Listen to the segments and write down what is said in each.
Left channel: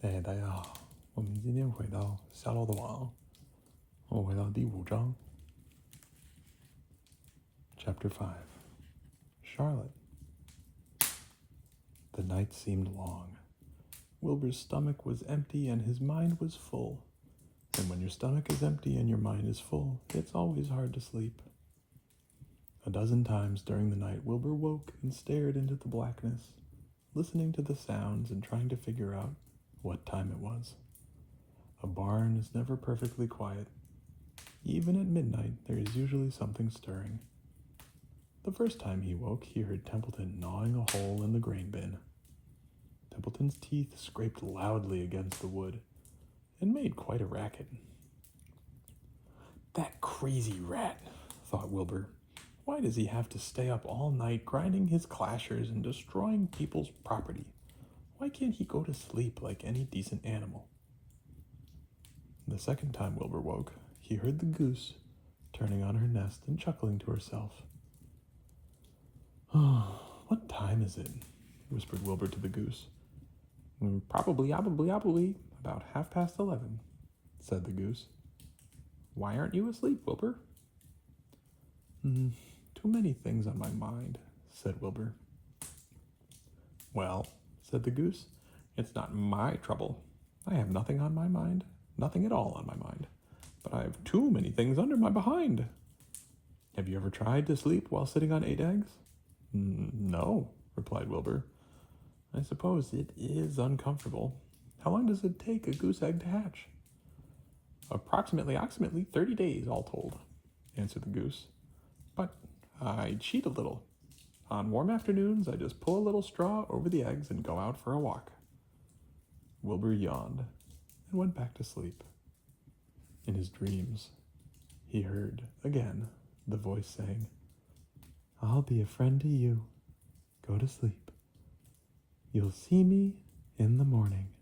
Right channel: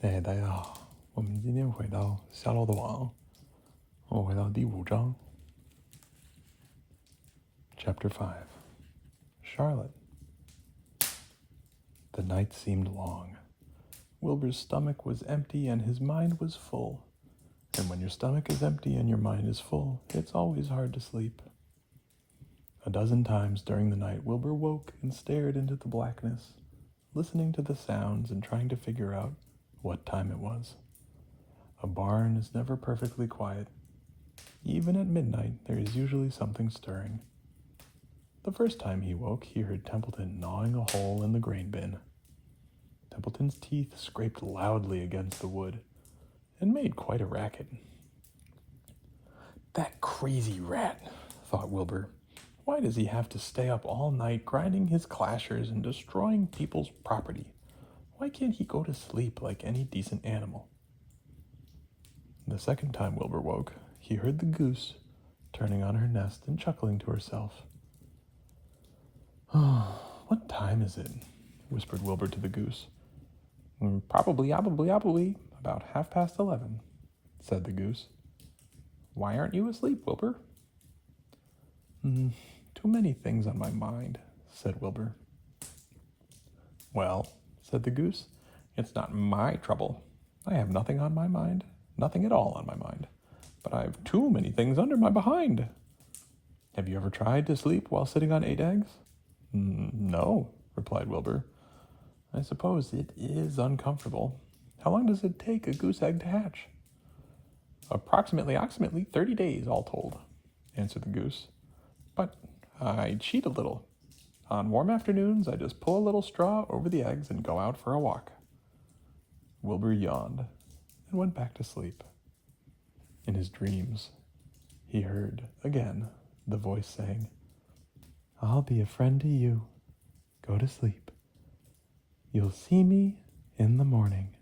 哎，大家好，我们今天回到夏洛的网，我回到第五章 Chapter 5 Charlotte. The night seemed long. Wilbur's stomach was empty and his mind was full. And when your stomach is empty and your mind is full, it's always hard to sleep. A dozen times during the night, Wilbur woke and stared into the blackness, listening to the sounds and trying to figure out what time it was. A barn is never perfectly quiet. Even at midnight, there is usually something stirring. The first time he woke, he heard Templeton gnawing a hole in the grain bin. Templeton's teeth scraped loudly against the wood and made quite a racket. That crazy rat, thought Wilbur. Why does he have to stay up all night grinding his clashers and destroying people's property? Why can't he go to sleep like any decent animal? The second time Wilbur woke, he heard the goose turning on her nest and chuckling to herself. What time is it? Whispered Wilbur to the goose. Probably, about 11:30, said the goose. Why aren't you asleep, Wilbur? Too many things on my mind, said Wilbur. Well, said the goose, it's not my trouble. I have nothing on my mind, nothing at all on my mind, but I have too many things under my behind. Have you ever tried to sleep while sitting on 8 eggs? No, replied Wilbur. I suppose it is uncomfortable. How long does it take a goose egg to hatch? Approximately 30 days, all told, answered the goose. But I cheat a little. On warm afternoons, I just pull a little straw over the eggs and go out for a walk. Wilbur yawned and went back to sleep. In his dreams, he heard, again, the voice saying, I'll be a friend to you. Go to sleep. You'll see me in the morning.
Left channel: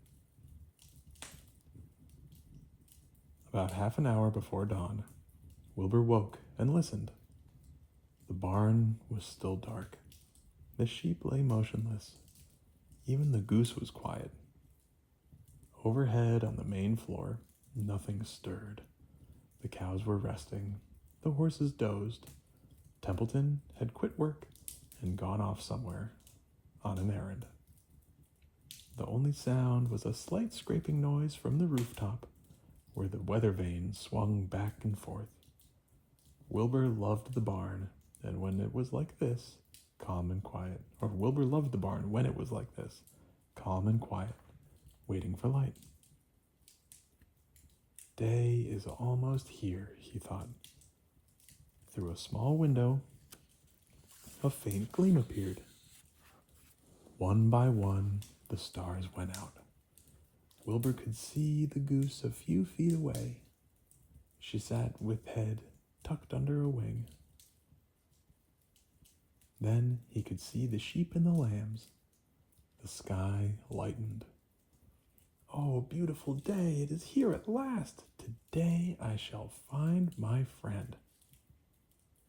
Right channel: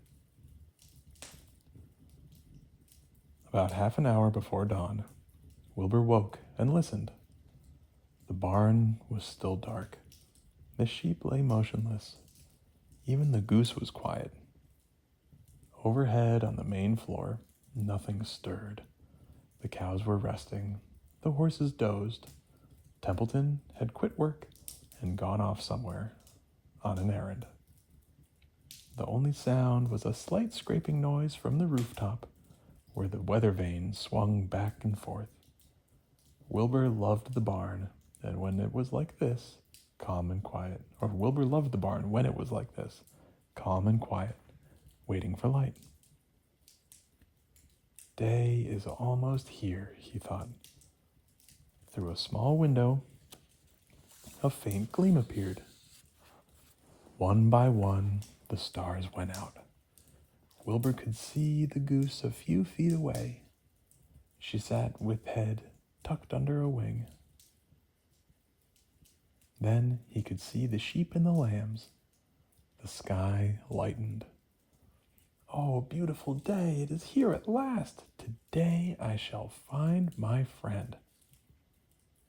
About half an hour before dawn, Wilbur woke and listened. The barn was still dark. The sheep lay motionless. Even the goose was quiet. Overhead on the main floor, nothing stirred. The cows were resting. The horses dozed. Templeton had quit work and gone off somewhere on an errand. The only sound was a slight scraping noise from the rooftop, where the weather vane swung back and forth. Wilbur loved the barn, and when it was like this, calm and quiet, or Wilbur loved the barn when it was like this, calm and quiet, waiting for light. Day is almost here, he thought. Through a small window, a faint gleam appeared. One by one, the stars went out. Wilbur could see the goose a few feet away. She sat with head tucked under a wing. Then he could see the sheep and the lambs. The sky lightened. Oh, beautiful day, it is here at last. Today I shall find my friend.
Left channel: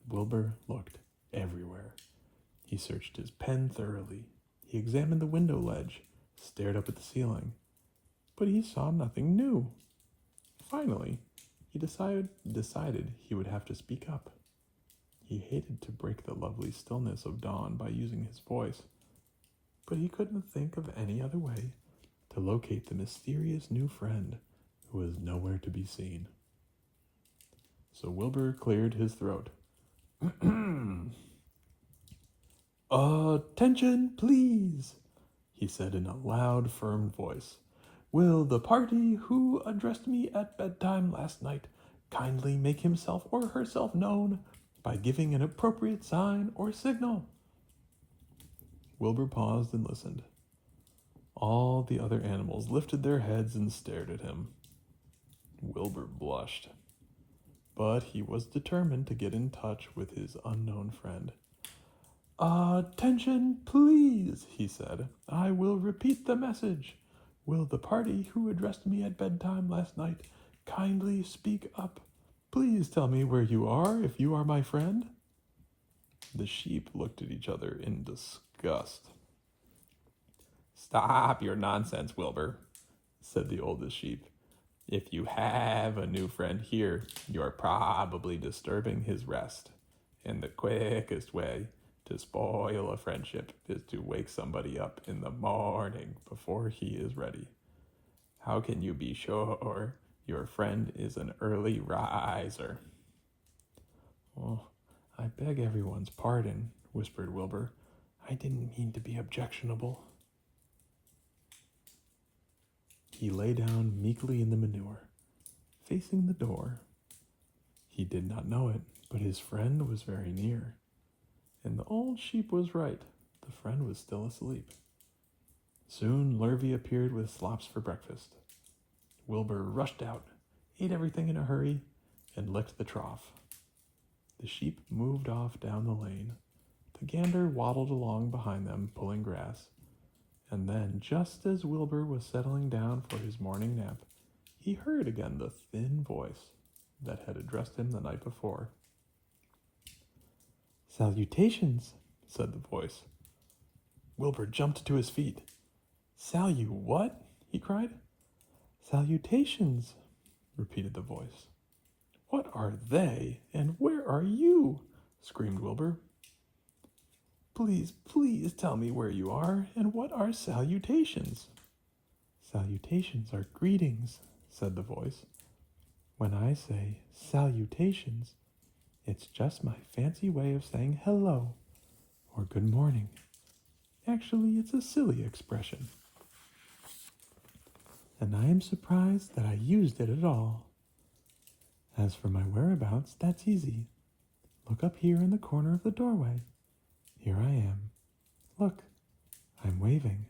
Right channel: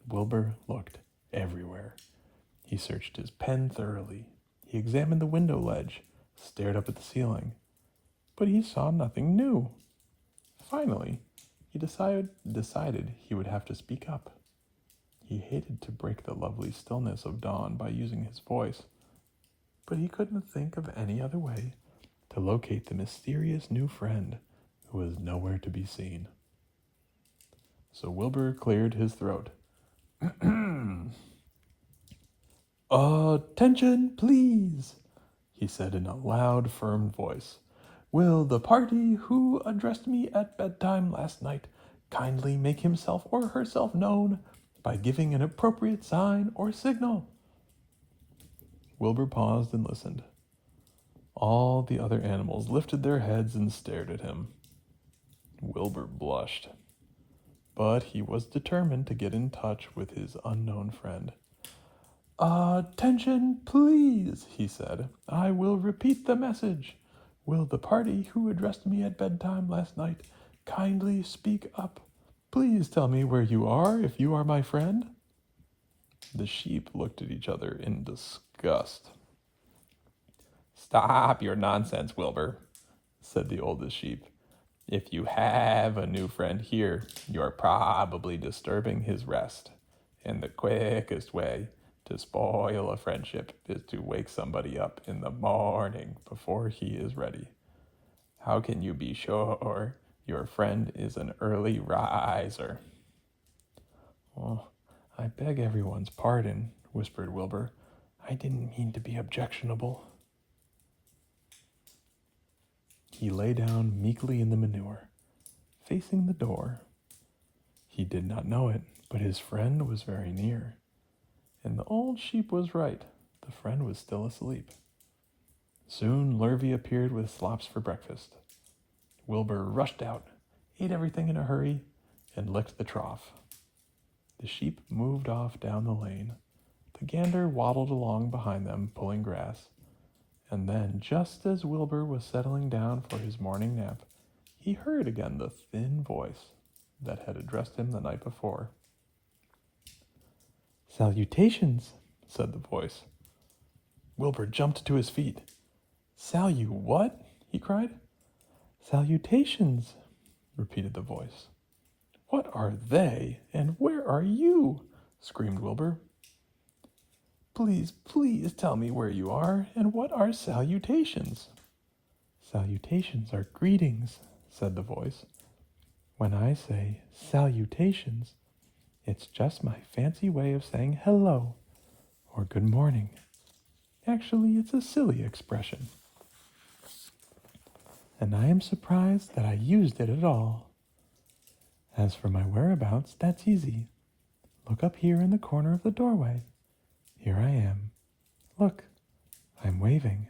Wilbur looked everywhere. He searched his pen thoroughly. He examined the window ledge, stared up at the ceiling, but he saw nothing new. Finally, he decided he would have to speak up. He hated to break the lovely stillness of dawn by using his voice, but he couldn't think of any other way to locate the mysterious new friend who was nowhere to be seen. So Wilbur cleared his throat. Attention, please, he said in a loud, firm voice. Will the party who addressed me at bedtime last night kindly make himself or herself known by giving an appropriate sign or signal? Wilbur paused and listened. All the other animals lifted their heads and stared at him. Wilbur blushed, but he was determined to get in touch with his unknown friend. Attention, please, he said. I will repeat the message. Will the party who addressed me at bedtime last night kindly speak up? Please tell me where you are if you are my friend. The sheep looked at each other in disgust. Stop your nonsense, Wilbur, said the oldest sheep. "If you have a new friend here, you're probably disturbing his rest. And the quickest way to spoil a friendship is to wake somebody up in the morning before he is ready. How can you be sure your friend is an early riser?" "Oh, I beg everyone's pardon," whispered Wilbur. "I didn't mean to be objectionable." He lay down meekly in the manure, facing the door. He did not know it, but his friend was very near. And the old sheep was right. The friend was still asleep. Soon Lurvy appeared with slops for breakfast. Wilbur rushed out, ate everything in a hurry, and licked the trough. The sheep moved off down the lane. The gander waddled along behind them, pulling grass. And then, just as Wilbur was settling down for his morning nap, he heard again the thin voice that had addressed him the night before. "Salutations," said the voice. Wilbur jumped to his feet. "What?" he cried. "Salutations," repeated the voice. "What are they, and where are you?" screamed Wilbur. "Please, please tell me where you are, and what are salutations?" "Salutations are greetings," said the voice. "When I say salutations, it's just my fancy way of saying hello or good morning. Actually, it's a silly expression. And I am surprised that I used it at all. As for my whereabouts, that's easy. Look up here in the corner of the doorway. Here I am. Look, I'm waving."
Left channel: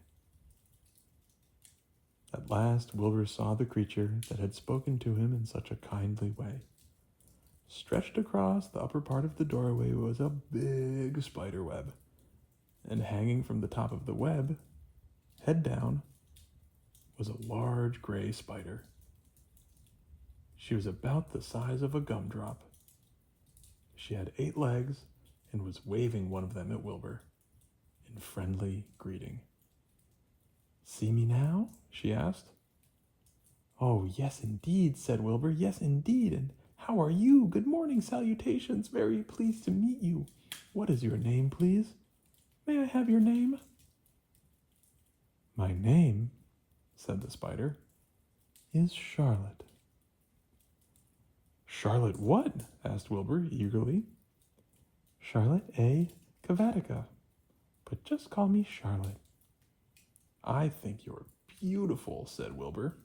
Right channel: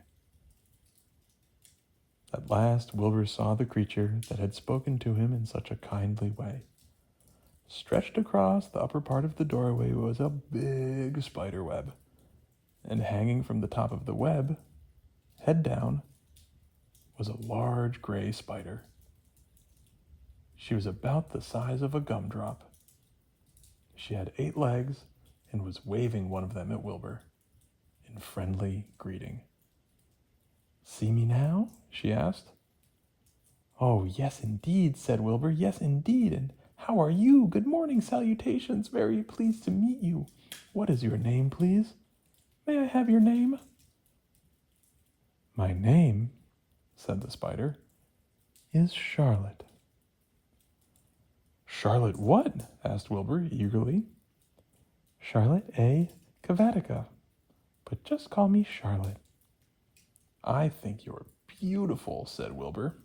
At last Wilbur saw the creature that had spoken to him in such a kindly way. Stretched across the upper part of the doorway was a big spider web, and hanging from the top of the web, head down, was a large gray spider. She was about the size of a gumdrop. She had 8 legs and was waving one of them at Wilbur in friendly greeting. "See me now?" she asked. "Oh, yes, indeed," said Wilbur. "Yes, indeed. And how are you? Good morning, salutations. Very pleased to meet you. What is your name, please? May I have your name?" "My name," said the spider, "is Charlotte." "Charlotte what?" asked Wilbur eagerly. "Charlotte A. Cavatica, but just call me Charlotte." "I think you're beautiful," said Wilbur.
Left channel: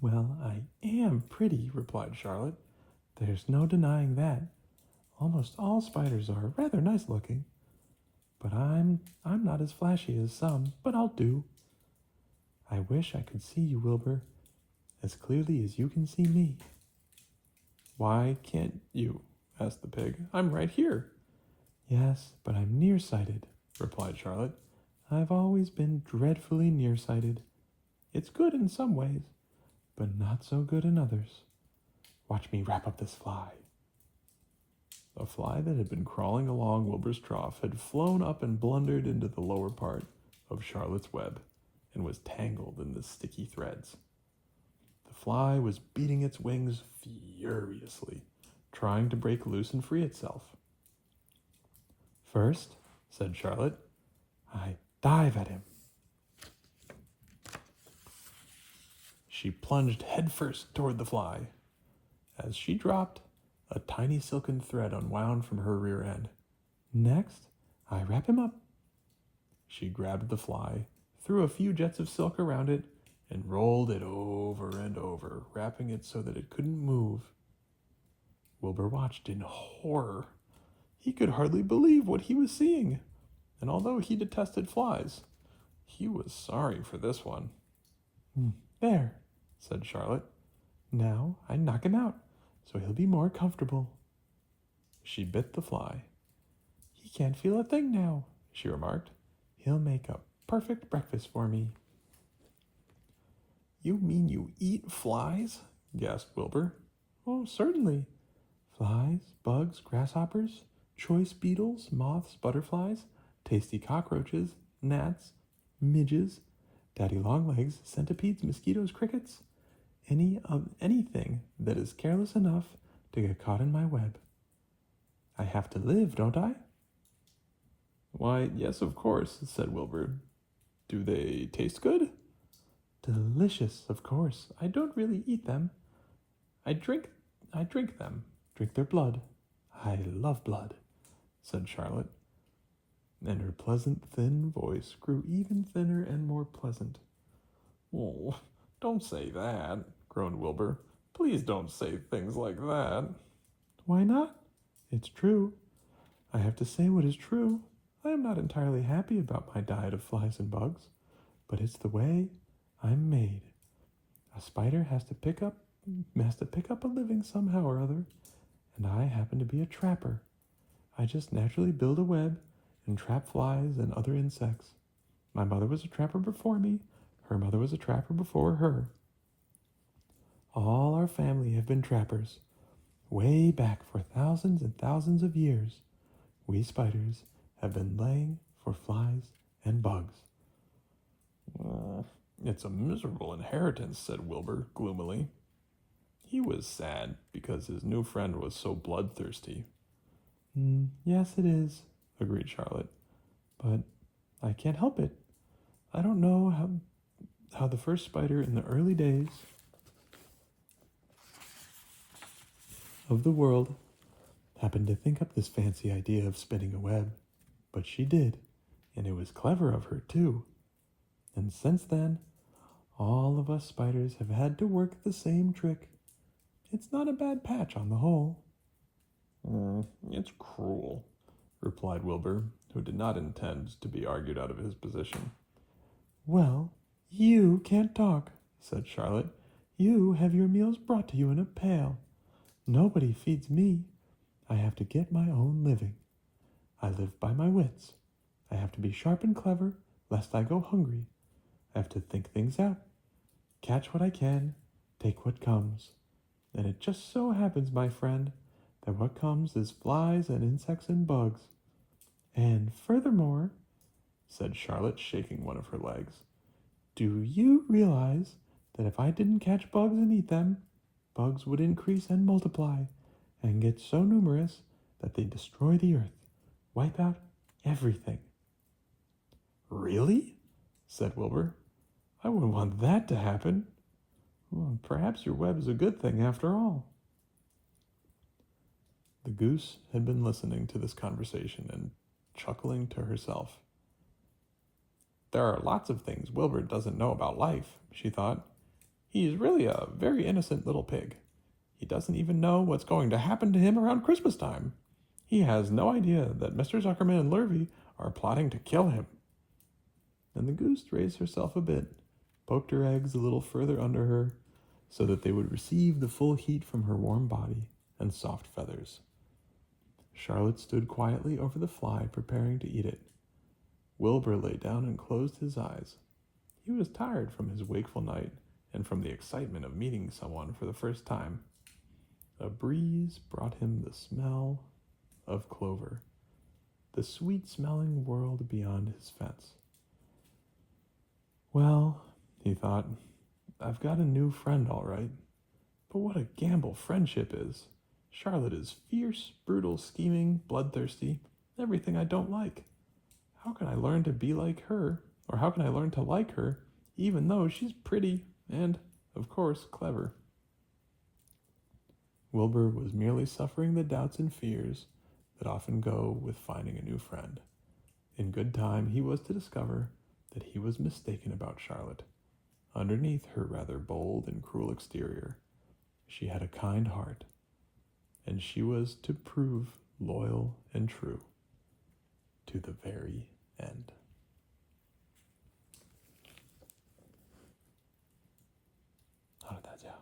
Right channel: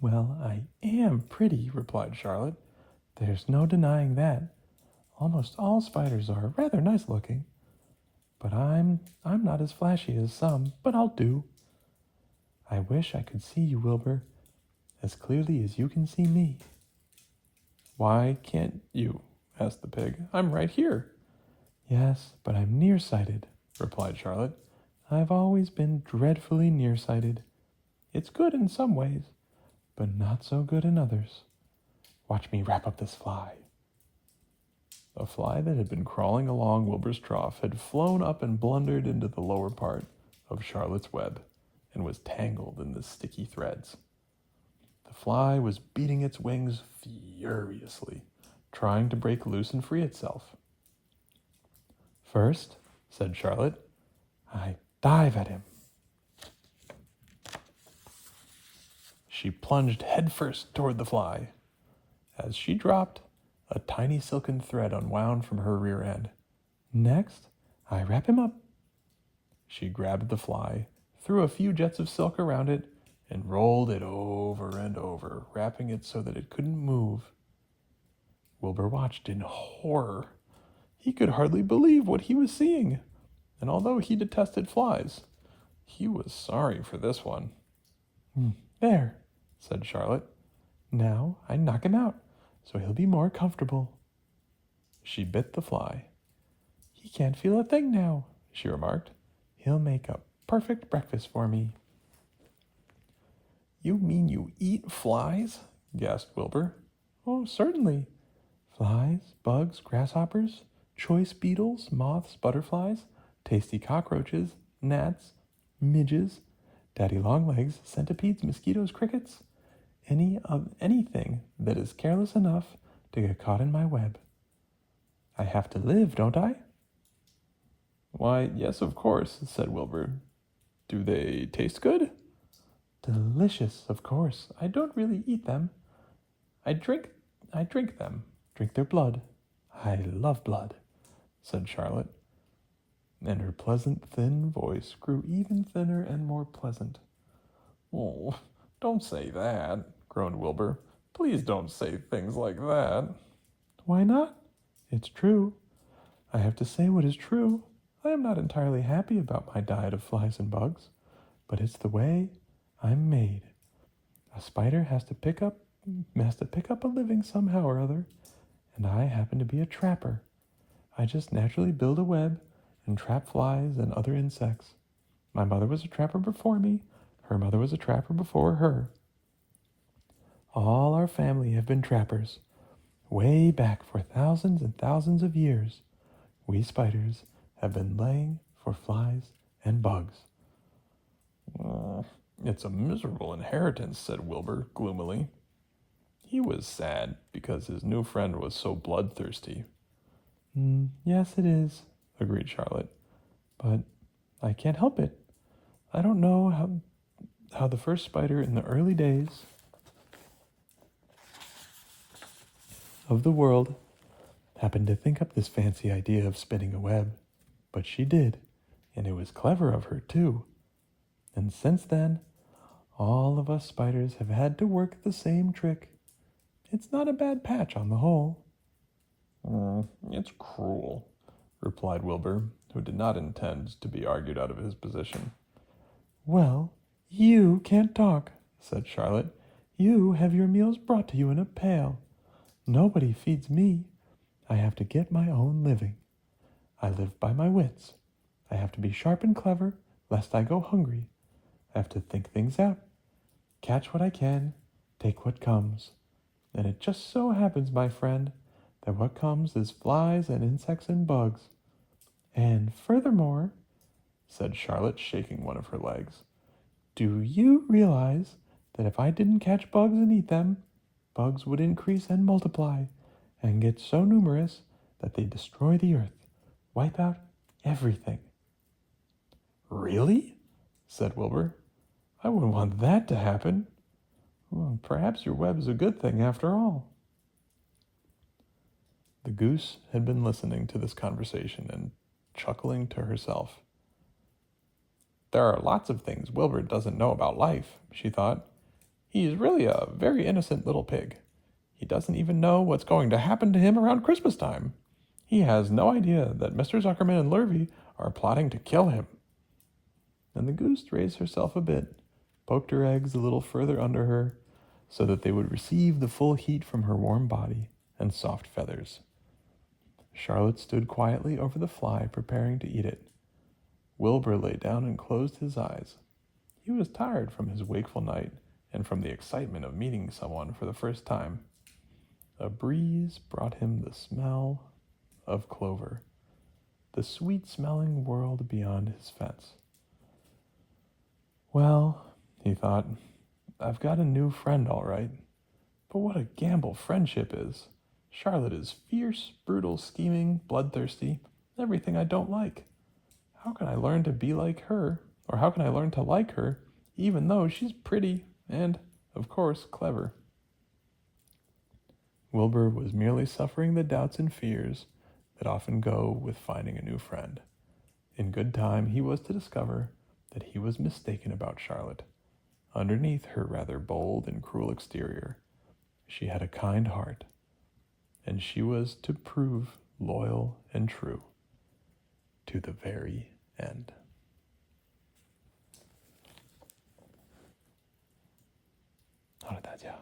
"Well, I am pretty," replied Charlotte. "There's no denying that. Almost all spiders are rather nice looking. But I'm not as flashy as some, but I'll do. I wish I could see you, Wilbur, as clearly as you can see me." "Why can't you?" asked the pig. "I'm right here." "Yes, but I'm nearsighted," replied Charlotte. "I've always been dreadfully nearsighted. It's good in some ways, but not so good in others. Watch me wrap up this fly." A fly that had been crawling along Wilbur's trough had flown up and blundered into the lower part of Charlotte's web and was tangled in the sticky threads. The fly was beating its wings furiously, trying to break loose and free itself. "First," said Charlotte, "I dive at him." She plunged headfirst toward the fly. As she dropped, a tiny silken thread unwound from her rear end. "Next, I wrap him up." She grabbed the fly, threw a few jets of silk around it, and rolled it over and over, wrapping it so that it couldn't move. Wilbur watched in horror. He could hardly believe what he was seeing, and although he detested flies, he was sorry for this one. "There," said Charlotte. "Now I knock him out, so he'll be more comfortable." She bit the fly. "He can't feel a thing now," she remarked. "He'll make a perfect breakfast for me." "You mean you eat flies?" gasped Wilbur. "Oh, certainly. Flies, bugs, grasshoppers, choice beetles, moths, butterflies, tasty cockroaches, gnats, midges, daddy longlegs, centipedes, mosquitoes, crickets, anything that is careless enough to get caught in my web. I have to live, don't I? Why, yes, of course, said Wilbur. Do they taste good? Delicious, of course. I don't really eat them. I drink them, drink their blood. I love blood, said Charlotte, and her pleasant, thin voice grew even thinner and more pleasant. Oh, don't say that, groaned Wilbur. Please don't say things like that. Why not? It's true. I have to say what is true. I am not entirely happy about my diet of flies and bugs, but it's the way I'm made. A spider has to pick up a living somehow or other, and I happen to be a trapper. I just naturally build a web and trap flies and other insects. My mother was a trapper before me. Her mother was a trapper before her. All our family have been trappers, way back for thousands and thousands of years. We spiders have been laying for flies and bugs. It's a miserable inheritance, said Wilbur gloomily. He was sad because his new friend was so bloodthirsty. Yes, it is, agreed Charlotte. But I can't help it. I don't know how the first spider in the early days of the world happened to think up this fancy idea of spinning a web. But she did, and it was clever of her, too. And since then, all of us spiders have had to work the same trick. It's not a bad patch on the whole. It's cruel, replied Wilbur, who did not intend to be argued out of his position. Well, you can't talk, said Charlotte. You have your meals brought to you in a pail. Nobody feeds me. I have to get my own living. I live by my wits. I have to be sharp and clever, lest I go hungry. I have to think things out, catch what I can, take what comes. And it just so happens, my friend, that what comes is flies and insects and bugs. And furthermore, said Charlotte, shaking one of her legs, do you realize that if I didn't catch bugs and eat them, bugs would increase and multiply and get so numerous that they destroy the earth, wipe out everything? Really? Said Wilbur. I wouldn't want that to happen. Well, perhaps your web is a good thing after all. The goose had been listening to this conversation and chuckling to herself. There are lots of things Wilbur doesn't know about life, she thought. He's really a very innocent little pig. He doesn't even know what's going to happen to him around Christmas time. He has no idea that Mr. Zuckerman and Lurvy are plotting to kill him. And the goose raised herself a bit, poked her eggs a little further under her, so that they would receive the full heat from her warm body and soft feathers. Charlotte stood quietly over the fly, preparing to eat it. Wilbur lay down and closed his eyes. He was tired from his wakeful night and from the excitement of meeting someone for the first time. A breeze brought him the smell of clover, the sweet-smelling world beyond his fence. Well, he thought, I've got a new friend, all right. But what a gamble friendship is. Charlotte is fierce, brutal, scheming, bloodthirsty, everything I don't like. How can I learn to be like her, or how can I learn to like her, even though she's pretty and, of course, clever? Wilbur was merely suffering the doubts and fears that often go with finding a new friend. In good time, he was to discover that he was mistaken about Charlotte. Underneath her rather bold and cruel exterior, she had a kind heart, and she was to prove loyal and true to the very end. 好了，大家，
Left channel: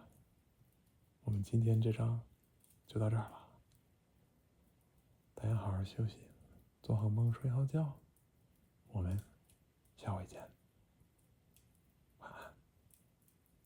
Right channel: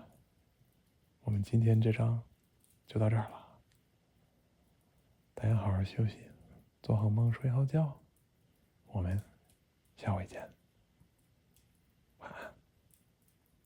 我们今天这章就到这儿了。大家好好休息，做好梦，睡好觉。我们下回见。